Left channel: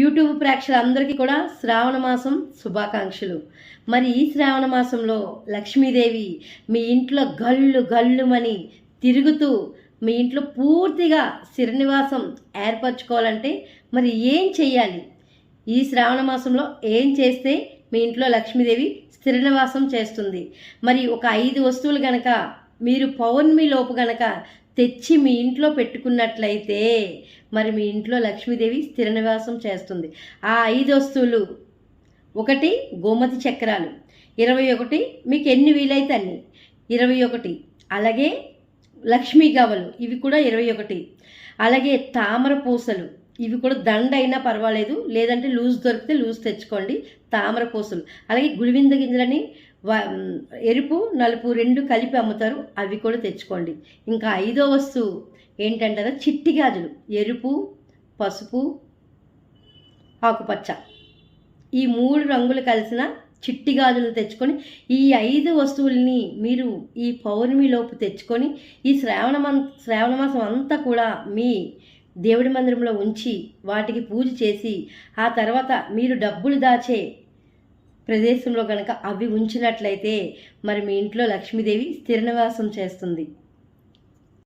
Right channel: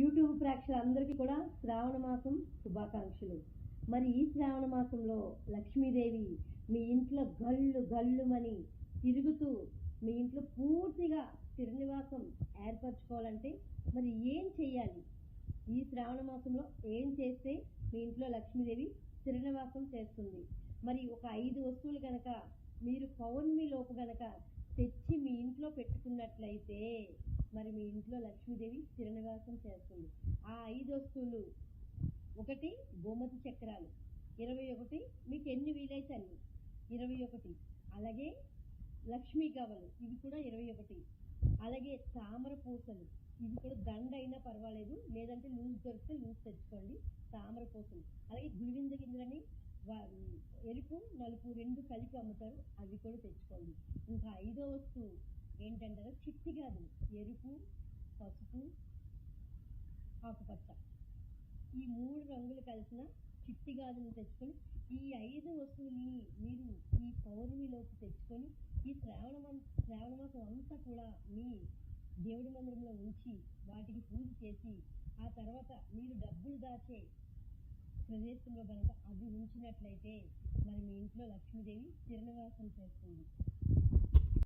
YouTube ప్రేక్షకులందరికీ కూడా శ్రావణ మాసం శుభాకాంక్షలు. మరి ఈ శ్రావణ మాసంలో లక్ష్మీదేవి మీ ఇంట్లో గల్లు గల్లుమని తిరుగుతూ మీ ఇంట్లో పూర్తిగా స్థిరనివాసం ఏర్పరచుకోవాలంటే మరి ఏం చెయ్యాలి? ఈ శ్రావణ మాసంలో ఏం చేస్తే మీ ఇంట్లో లక్ష్మీదేవి స్థిరనివాసం చేస్తుంది? మరి ఒక 5 వస్తువులు గనక మీరు పౌర్ణమి లోపు గనక తెచ్చి మీ ఇంట్లో పెట్టుకున్నట్లయితే మరి మీ ఇంట్లో లక్ష్మీదేవి స్థిర నివాసం చేస్తుంది. ఆ 5 వస్తువులు: 1 గోమతి చక్రాలు, 21 మీకు ఎన్ని వీలైతే అన్ని 21, అలాగే లక్ష్మీ గవ్వలు ఇవి కూడా 21, అలాగే తామర పూసలు ఇవి కూడా దండ అయినా పర్వాలేదు, లేదంటే లూజ్ దొరికితే లూజ్ తెచ్చుకోండి. తామర పూసలు, అలాగే గుడివింద గింజలని ఎరుపు నలుపు 2 కలిపి అమ్ముతారు, అవి కూడా తెచ్చుకోండి. ఇంకా 5వ వస్తువు ఏంటంటారా, చిట్టి గాజులు. ఎరుపు, పసుపు, ఆకుపచ్చ ఈ 3 రంగులు కలిసిన చిట్టి గాజులను తెచ్చుకొని ఈ 5 వస్తువుల్ని మీరు ఈ పౌర్ణమి లోపు తెచ్చుకొని ఈ శ్రావణ మాసం అంతా కూడా మీ దేవుడి మందిరంలో ఉంచి వాటికి పూజ చేసి ఆ తర్వాత మీరు డబ్బులు దాచే ప్రదేశంలో కనుక అవి ఉంచినట్లయితే మరి మీ ఇంట్లో లక్ష్మీదేవి స్థిర నివాసం చేస్తుంది.